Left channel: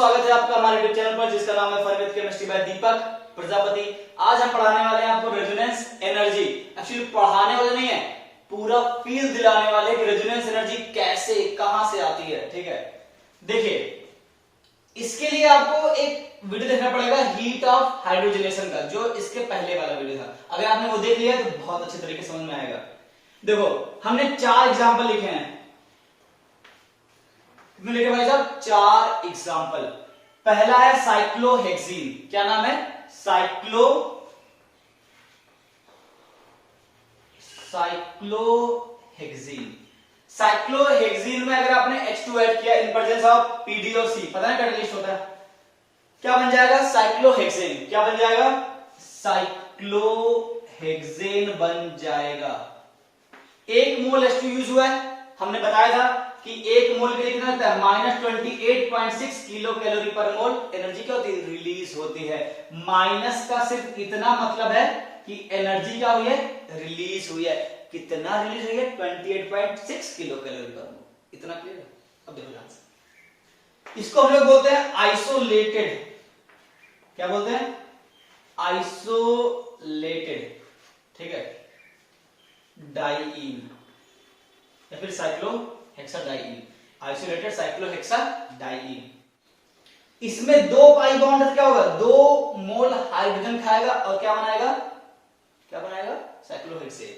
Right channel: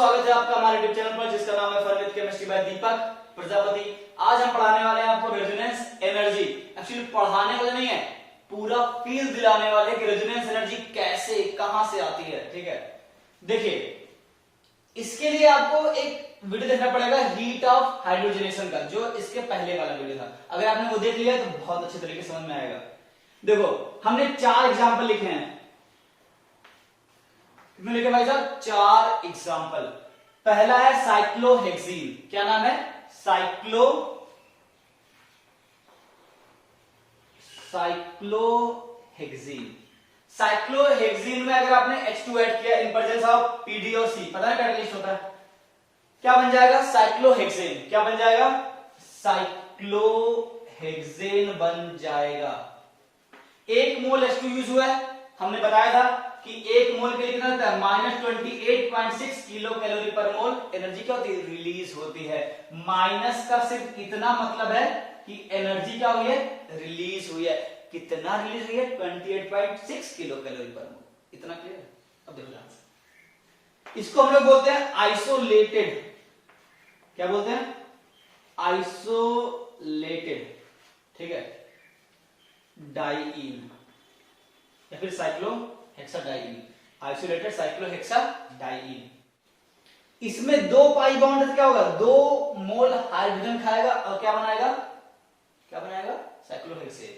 स्वागत है आपका हमारे यूट्यूब चैनल पर जिसका नाम है फन विद केमिस्ट्री बाय दीपक प्रजापति। आज हम पढ़ाने वाले हैं आपको रेजोनेंस एनर्जी। एक्चुअली पढ़ाने वाले नहीं है, पूरा फील दिलाने वाले कि रेजोनेंस एनर्जी कैसे कहां से आती है। ठीक है, देखिए इसके लिए आपको एक वीडियो देखना पड़ेगा हीट ऑफ हाइड्रोजनेशन का, जो इसके पहले वाला वीडियो था। अगर आपने वो देख लिया तो बहुत अच्छे तरीके से समझ में आएगा। देखो हमने 4 एग्जाम्पल लिखे हैं। कितने लिखे भाई साहब? 4 एग्जाम्पल। पहला है साइक्लोहेक्सीन। क्या नाम है? साइक्लोहेक्सीन। साइक्लोहेक्सीन में अगर आपने H2 ऐड किया इन प्रेजेंस ऑफ PD और C, पता है कैटलिस्ट होता है, क्या बन जाएगा? साइक्लोहेक्सेन। क्या बन जाएगा? साइक्लोहेक्सेन बन जाएगा। 1 मोल H2 यूज हुआ है। हमने बताया था कि 1 मोल के लिए कितना होता है? -28.6 किलो कैलोरी पर मोल एनर्जी क्या होती है? रिलीज होती है। माइनस का सिर्फ इतना मतलब है कि एनर्जी क्या हुई है? रिलीज हुई है। कितना रिलीज हुई है? 28.6 किलो कैलोरी पर मोल। इतना क्लियर है? अब देखो ध्यान से, इसको हम लोग बोलते हैं आइसोलेटेड। क्या बोलते हैं? आइसोलेटेड। ठीक है, डाइईन या फिर साइक्लोहेक्साडाइईन। आइसोलेटेड साइक्लोहेक्साडाइईन। इसमें 2 पाई बॉन्ड क्या होगा? 2 मोल हाइड्रोजन खाएगा और क्या बनाएगा? क्या बनाएगा? साइक्लोहेक्सेन।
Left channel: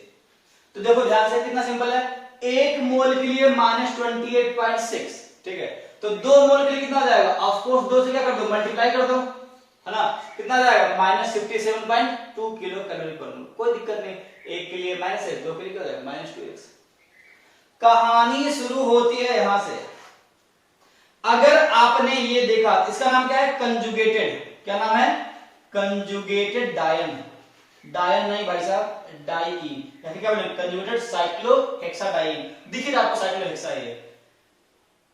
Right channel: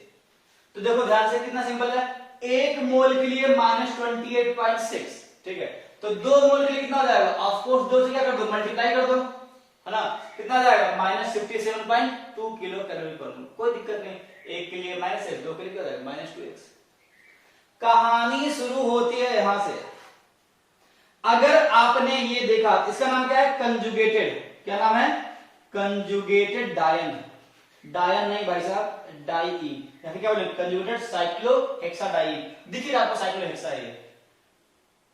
तो देखो ध्यान से, कितना सिंपल है। 1 मोल के लिए -28.6। ठीक है, तो 2 मोल के लिए कितना हो जाएगा? ऑफ कोर्स 2 से क्या कर दो? मल्टीप्लाई कर दो, है ना। कितना आ जाएगा? -57.2 किलो कैलोरी पर मोल। कोई दिक्कत नहीं, 1 के लिए -1, 2 के लिए क्या हो जाएगा? -2x। कहानी शुरू होती है यहां से। अगर आपने ये देखा, इसका नाम क्या है? कंजुगेटेड। क्या नाम है? कंजुगेटेड डायन। डायन नहीं भाई साहब, डाइईन। या फिर क्या बोले? कंजुगेटेड साइक्लोहेक्साडाइईन। दिख रहा आपको साइक्लोहेक्सा? ये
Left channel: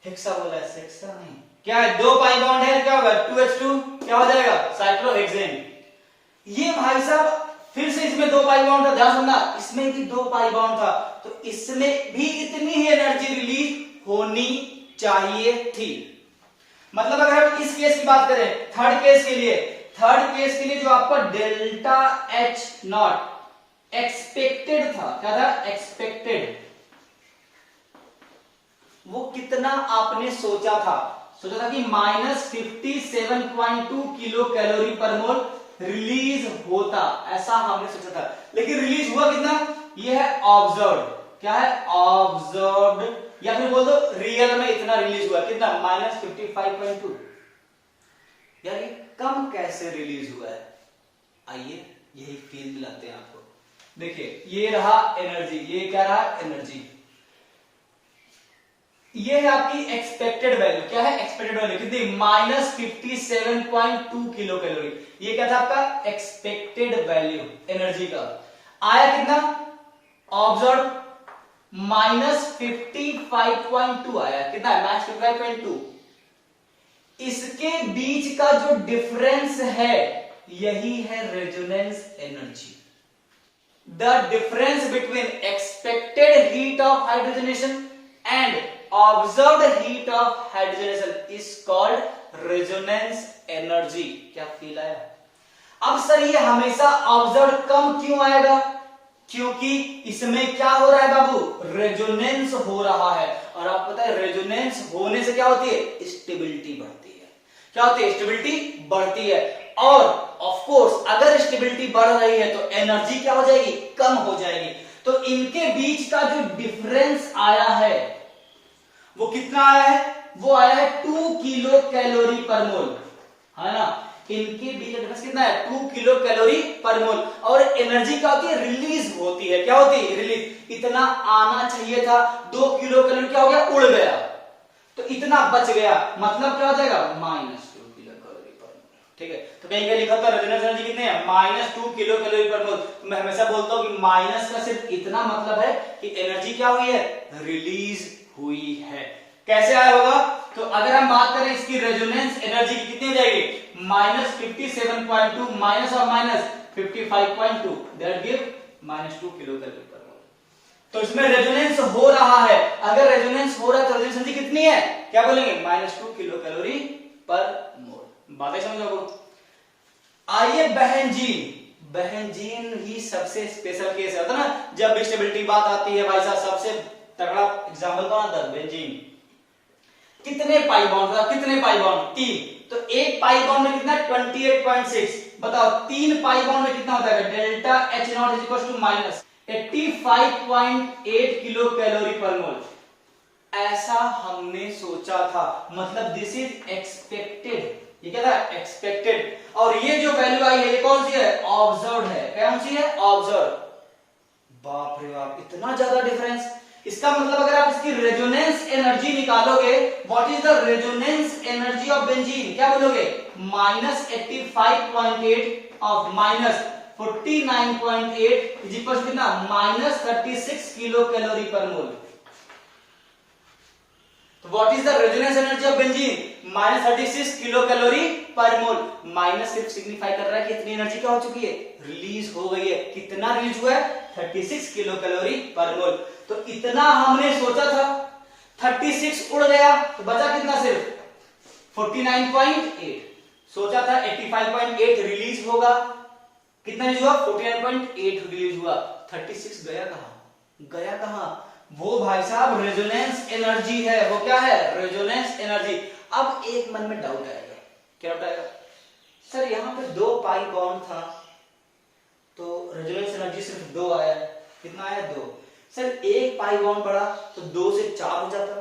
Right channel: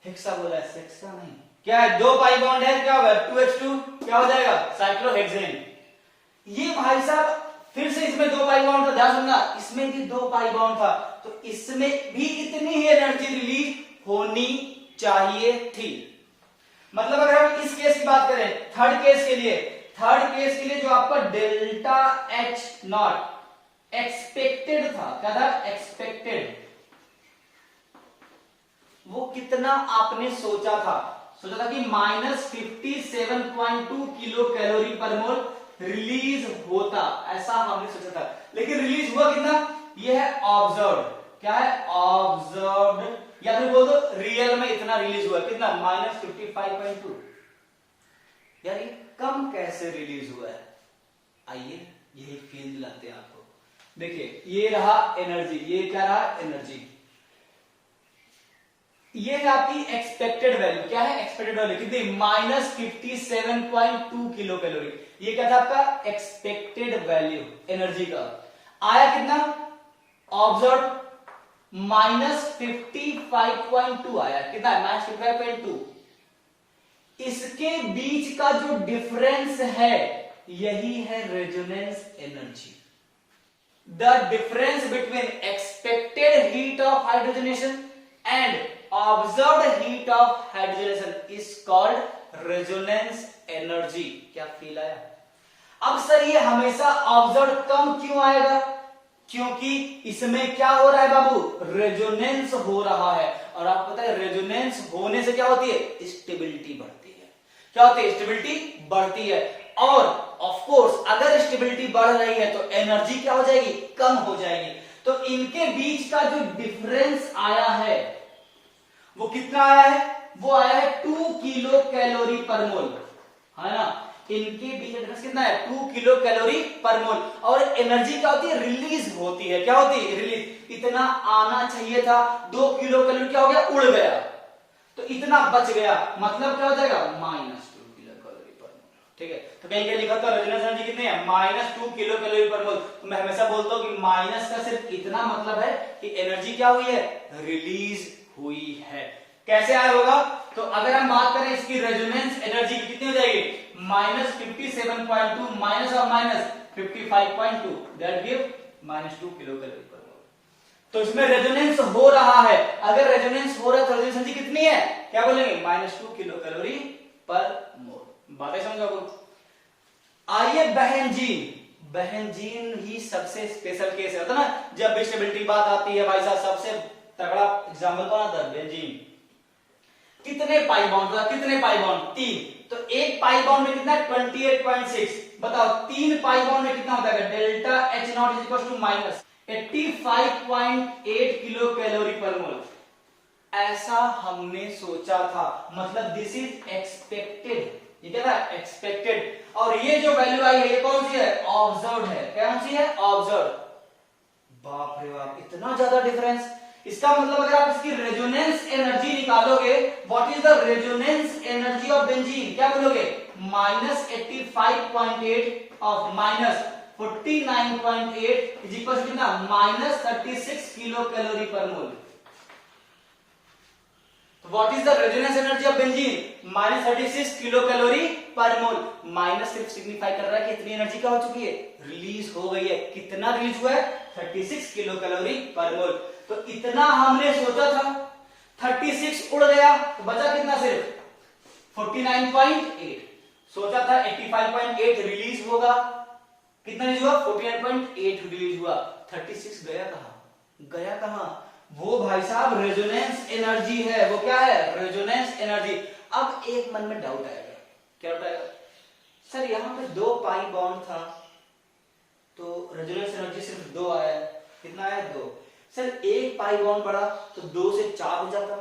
हेक्सा बोला है, सेक्सा नहीं। क्या है? 2 पाई बॉन्ड है, क्या होगा? 2H2 क्या हो जाएगा? साइक्लोहेक्सेन। ये भाई साहब फिर से इसमें 2 पाई बॉन्ड था, ध्यान सुनना, इसमें भी 2 पाई बॉन्ड था, तो इसमें भी इतनी ही एनर्जी रिलीज होनी चाहिए थी। मतलब अगर हम इस केस की बात करें, थर्ड केस के लिए जो आपका डेल्टा H नॉट एक्सपेक्टेड था, क्या था? एक्सपेक्टेड। वो कितना आपने सोचा था कि -57.2 किलो कैलोरी पर मोल रिलीज होता, ऐसा हमने सोचा था। लेकिन रिलीज हुआ कितना? ये है ऑब्जर्व्ड। क्या है? ऑब्जर्व्ड, या फिर बोल दो रियल में इतना रिलीज हुआ। कितना? -55.2। यार ये कम कैसे रिलीज हुआ है? आइए यही फील दिलाते हैं आपको। देखिए ये रहा एनर्जी, ये क्या रहा? एनर्जी। ये है आपकी एक्सपेक्टेड वैल्यू। क्या है? एक्सपेक्टेड वैल्यू कितनी? -57.2 किलो कैलोरी। ये क्या था आपका? एक्सपेक्टेड वैल्यू एनर्जी का। आया कितना? ऑब्जर्व -55.2 आया। कितना है? -55.2। इसके बीच का जो डिफरेंस है यही है resonance energy. The difference between expected heat of hydrogenation and observed heat of hydrogenation is called resonance energy। क्या फील आया? अब सर ये हमेशा ऑब्जर्व कम क्यों आएगा? क्योंकि इसमें क्या हो रहा है बाबू? रेजोनेंस हो रहा है। और आपको पता है रेजोनेंस होने से क्या होती है? स्टेबिलिटी बढ़ती है। क्या होती है? स्टेबिलिटी बढ़ती है। और ऑफ कोर्स अगर स्टेबिलिटी बढ़ रही है तो एनर्जी क्या हो जाएगी? कम हो जाएगी। तो इनके बीच का जो डिफरेंस आया है वो कितना आया है? वो आया है 2 किलो कैलोरी पर मोल, है ना। इनके बीच का डिफरेंस कितना है? 2 किलो कैलोरी पर मोल। और एनर्जी क्या होती है? रिलीज होती है। क्या होती है? रिलीज। इतना आना चाहिए था, 2 किलो कैलोरी क्या हो गया? उड़ गया, तो इतना बच गया। मतलब क्या हो जाएगा? -2 किलो कैलोरी पर मोल। ठीक है, तो कहीं लिखा था रेजोनेंस एनर्जी कितनी है? -2 किलो कैलोरी पर मोल। तो मैं हमेशा बोलता हूं कि माइनस का सिर्फ इतना मतलब है कि एनर्जी क्या हुई है? रिलीज हुई है। कैसे आया होगा? तो अगर हम बात करें इसकी रेजोनेंस एनर्जी की, कितनी हो जाएगी? -57.2 minus of -55.2 that give -2 kilo calorie per मोल। तो इसमें रेजोनेंस हो रहा है। अगर रेजोनेंस हो रहा है तो रेजोनेंस एनर्जी कितनी है? क्या बोलेंगे? -2 किलो कैलोरी पर मोल। बातें समझो आपको। आइए बहनजीन ही सबसे स्पेशल केस है, होता ना जब स्टेबिलिटी बात आती है भाई साहब, सबसे तगड़ा एग्जाम्पल कौन आता है? बेंजीन। कितने पाई बॉन्ड था? कितने पाई बॉन्ड? 3। तो एक पाई बॉन्ड में कितना? 28.6। बताओ 3 पाई बॉन्ड में कितना होता है? Delta H naught is equal to minus 85.8 kilocalorie per mole. ऐसा हमने सोचा था, मतलब दिस इज एक्सपेक्टेड। ये क्या था? एक्सपेक्टेड। और ये जो वैल्यू आई है ये कौन सी है? ऑब्जर्व्ड है। कौन सी है? ऑब्जर्व्ड। बाप रे बाप, इतना ज्यादा डिफरेंस। इसका मतलब अगर आप इसकी रेजोनेंस एनर्जी निकालोगे, what is the resonance energy of benzene? क्या बोलोगे? -85.8 ऑफ -49.8 इज इक्वल टू कितना? -36 किलो कैलोरी पर मोल। तो what is the resonance energy of benzene? -36 kilo calorie per mole. Minus सिर्फ सिग्निफाई कर रहा है कि इतनी एनर्जी क्या हो चुकी है? रिलीज हो गई है। कितना रिलीज हुआ है? 36 किलो कैलोरी पर मोल। तो इतना हमने सोचा था, 36 उड़ गया तो बचा कितना? सिर्फ 49.8। सोचा था 85.8 रिलीज होगा, कितना रिलीज हुआ? 49.8 रिलीज हुआ। 36 गया कहां? गया कहां? वो भाई साहब रेजोनेंस एनर्जी है। वो क्या है? Resonance energy. अब एक मन में डाउट आएगा। क्या डाउट आएगा? सर यहां पे 2 पाई बॉन्ड था तो रेजोनेंस एनर्जी सिर्फ 2 आया। कितना आया? 2। सर एक पाई बॉन्ड पड़ा तो 2 से 4 हो जाता,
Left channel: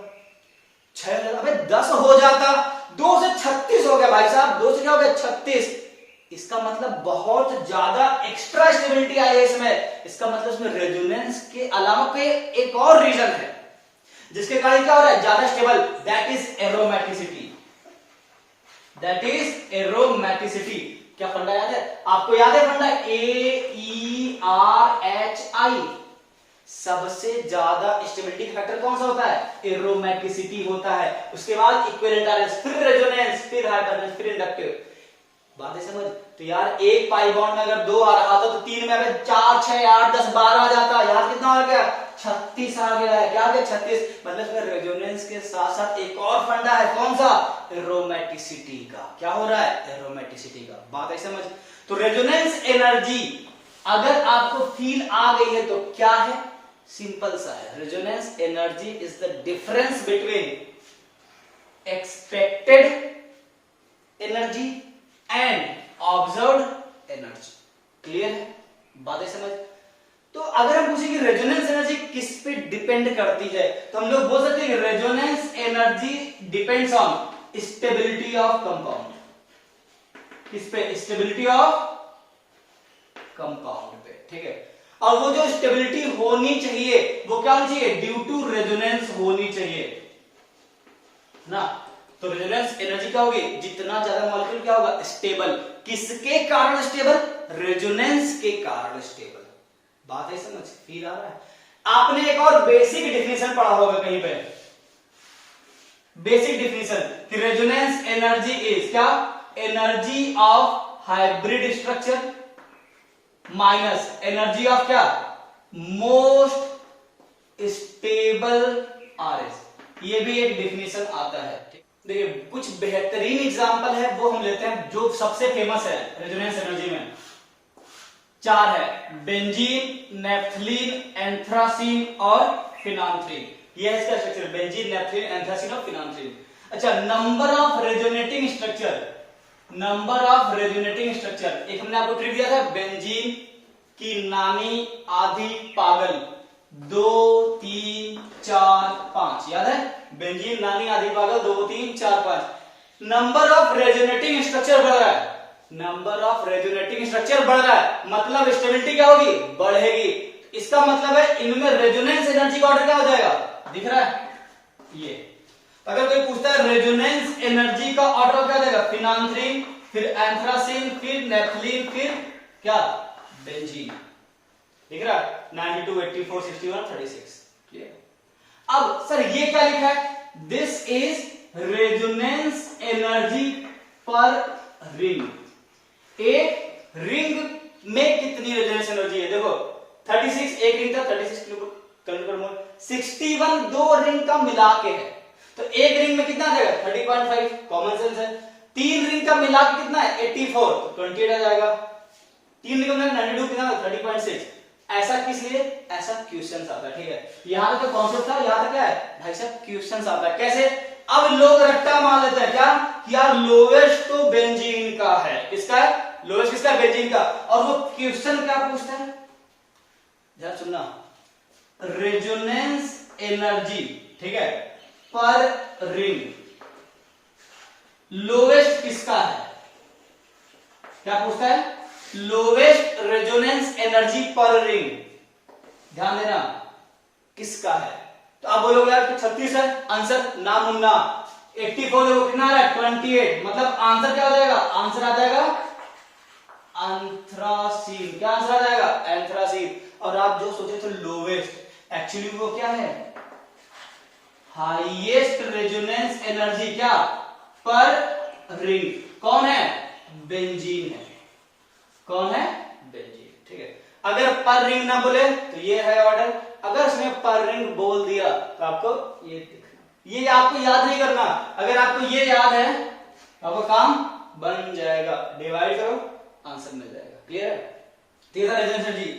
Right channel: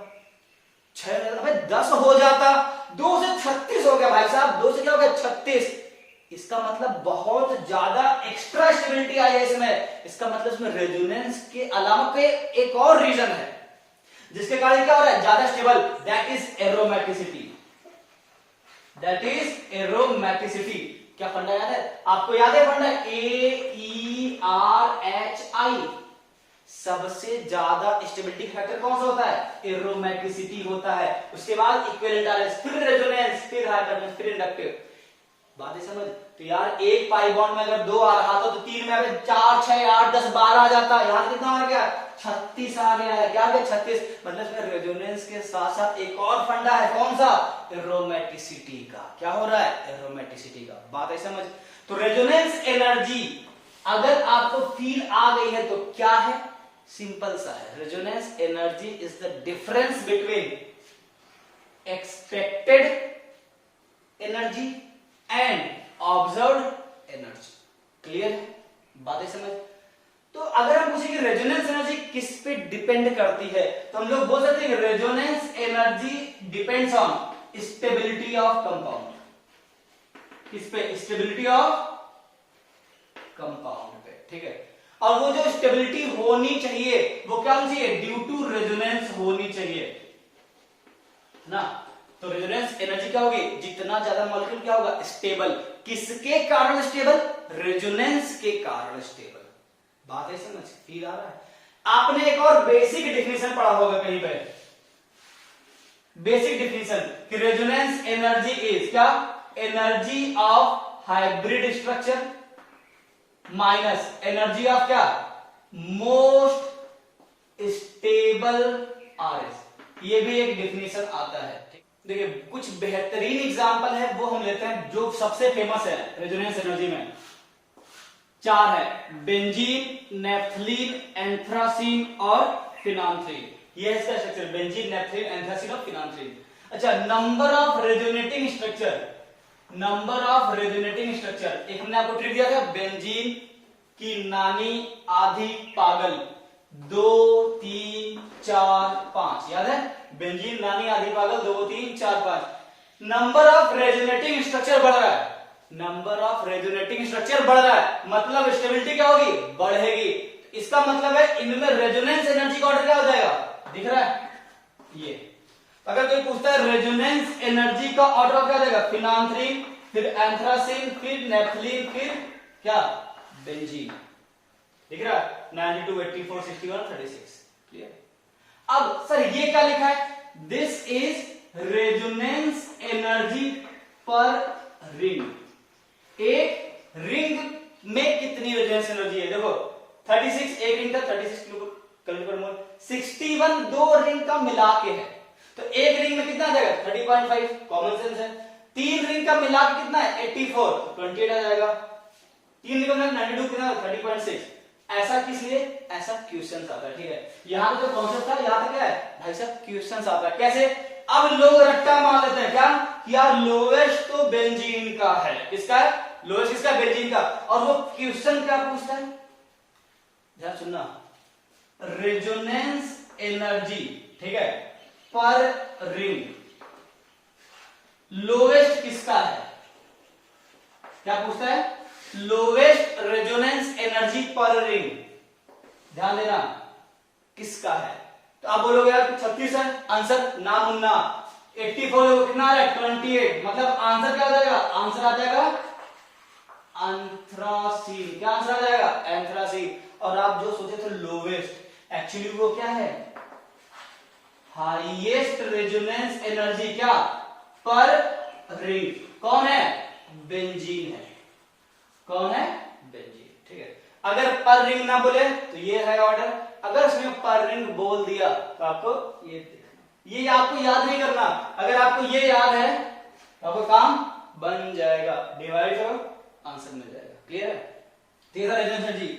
6 हो जाता, अबे 10 हो जाता, 2 से 36 हो गया भाई साहब। 2 से क्या हो गया? 36। इसका मतलब बहुत ज्यादा एक्स्ट्रा स्टेबिलिटी आई है इसमें। इसका मतलब इसमें रेजोनेंस के अलावा कोई एक और रीजन है जिसके कारण क्या हो रहा है? ज्यादा stable. That is aromaticity. That is aromaticity. क्या फंडा याद है आपको? याद है फंडा? AERHI। सबसे ज्यादा स्टेबिलिटी फैक्टर कौन सा होता है? एरोमेटिसिटी होता है। उसके बाद इक्विवेलेंट आरएस, फिर रेजोनेंस, फिर हाइपरनेस, फिर इंडक्टिव। बातें समझ? तो यार एक पाई बॉन्ड में अगर 2 आ रहा था तो 3 में अगर 4, 6, 8, 10, 12 आ जाता। यार कितना हो गया? 36 आ गया है। क्या आ गया? 36। मतलब रेजोनेंस के साथ साथ एक और फंडा है। कौन सा? एरोमेटिसिटी का। क्या हो रहा है? एरोमेटिसिटी का। बात है समझ? तो रेजोनेंस एनर्जी अगर आपको फील आ गई है तो क्या है? सिंपल सा है। Resonance energy is the difference between expected energy and observed energy. Clear है? बातें समझ? तो अगर हम पूछे कि रेजोनेंस एनर्जी किस पे डिपेंड करती है तो हम लोग बोल सकते हैं कि resonance energy depends on stability of compound. किस पे? स्टेबिलिटी ऑफ कंपाउंड पे। ठीक है। और वो जो स्टेबिलिटी होनी चाहिए वो क्या होनी चाहिए? ड्यू टू रेजोनेंस होनी चाहिए ना। तो रेजोनेंस एनर्जी क्या होगी? जितना ज्यादा मॉलिक्यूल क्या होगा? स्टेबल। किसके कारण स्टेबल? रेजोनेंस के कारण स्टेबल। बात है समझ? फील आ रहा है? आपने एक और बेसिक डेफिनेशन पढ़ा होगा कहीं पे। बेसिक डेफिनेशन कि रेजोनेंस एनर्जी इज क्या? Energy of hybrid structure minus energy of क्या? Most stable RS. ये भी एक डेफिनेशन आता है। देखिए कुछ बेहतरीन एग्जांपल है वो हम लेते हैं जो सबसे फेमस है रेजोनेंस एनर्जी में। 4 है, बेंजीन, नेफ्थलीन, एंथ्रासीन और फिनांथ्रीन। ये है इसका स्ट्रक्चर, बेंजीन, नेफ्थलीन, एंथ्रासीन और फिनांथ्रीन। अच्छा, number of resonating structure. Number of resonating structure एक हमने आपको ट्रिक दिया था, बेंजीन की नानी आधी पागल 2 3 4 5, याद है? बेंजीन नानी आधी पागल 2 3 4 5। नंबर ऑफ रेजोनेटिंग स्ट्रक्चर बढ़ रहा है। नंबर ऑफ रेजोनेटिंग स्ट्रक्चर बढ़ रहा है मतलब स्टेबिलिटी क्या होगी? बढ़ेगी। इसका मतलब है इनमें रेजोनेंस एनर्जी का ऑर्डर क्या हो जाएगा? दिख रहा है ये। अगर कोई पूछता है रेजोनेंस एनर्जी का ऑर्डर क्या देगा? फिनांथ्रीन, फिर एंथ्रासीन, फिर नेफ्थलीन, फिर क्या? बेंजीन। दिख रहा है? 92 84 61 36। क्लियर? अब सर ये क्या लिखा है? दिस इज रेजोनेंस एनर्जी पर रिंग। एक रिंग में कितनी रेजोनेंस एनर्जी है? देखो 36 एक रिंग का 36 कैलोरी पर मोल, 61 दो रिंग का मिला के है तो एक रिंग में कितना आ जाएगा? 30.5। कॉमन सेंस है। 3 रिंग का मिला के कितना है 84, तो 28 आ जाएगा। 3 रिंग का 92 कितना 30.6। ऐसा किस लिए, ऐसा क्वेश्चन आता है, ठीक है। यहां तक तो कॉन्सेप्ट था, यहां तक क्या है भाई साहब क्वेश्चन आता है। कैसे, अब लोग रट्टा मार लेते हैं क्या कि यार लोवेस्ट तो बेंजीन का है, किसका है, लोवेस्ट किसका, बेंजीन का। और वो क्वेश्चन क्या पूछता है, जरा सुनना, रेजोनेंस एनर्जी, ठीक है, पर रिंग लोवेस्ट किसका है, क्या पूछता है, लोवेस्ट रेजोनेंस एनर्जी पर रिंग, ध्यान देना किसका है। तो आप बोलोगे यार 36 है आंसर, ना मुन्ना। 84 देखो कितना आ रहा है 28, मतलब आंसर क्या हो जाएगा, आंसर आ जाएगा एंथ्रासीन। क्या आंसर आ जाएगा, एंथ्रासीन। और आप जो सोचे थे लोवेस्ट, एक्चुअली वो क्या है, हाईएस्ट रेजोनेंस एनर्जी क्या पर रिंग, कौन है, बेंजीन है, कौन है, बेंजीन, ठीक है। अगर पर रिंग ना बोले तो ये है ऑर्डर, अगर उसने पर रिंग बोल दिया तो आपको ये दिखना, ये आपको याद नहीं करना। अगर आपको ये याद है तो आपका काम बन जाएगा, डिवाइड करो आंसर मिल जाएगा, क्लियर है। तीसरा रेजोनेंस एनर्जी,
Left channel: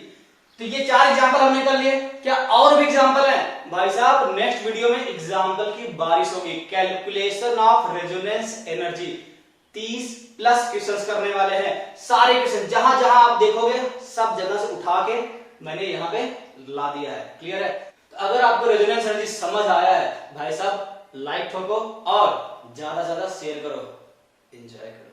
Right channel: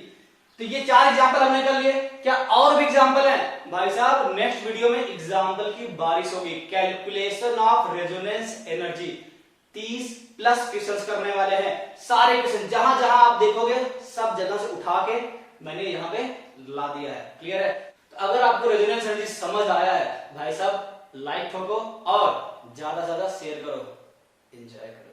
तो ये 4 एग्जांपल हमने कर लिए, क्या और भी एग्जांपल हैं भाई साहब, नेक्स्ट वीडियो में एग्जांपल की बारिश होगी। Calculation of resonance energy 30+ questions करने वाले हैं, सारे क्वेश्चन जहां जहां आप देखोगे सब जगह से उठा के मैंने यहां पे ला दिया है, क्लियर है। तो अगर आपको रेजोनेंस एनर्जी समझ आया है भाई साहब, लाइक ठोको और ज्यादा से ज्यादा शेयर करो, एंजॉय करो।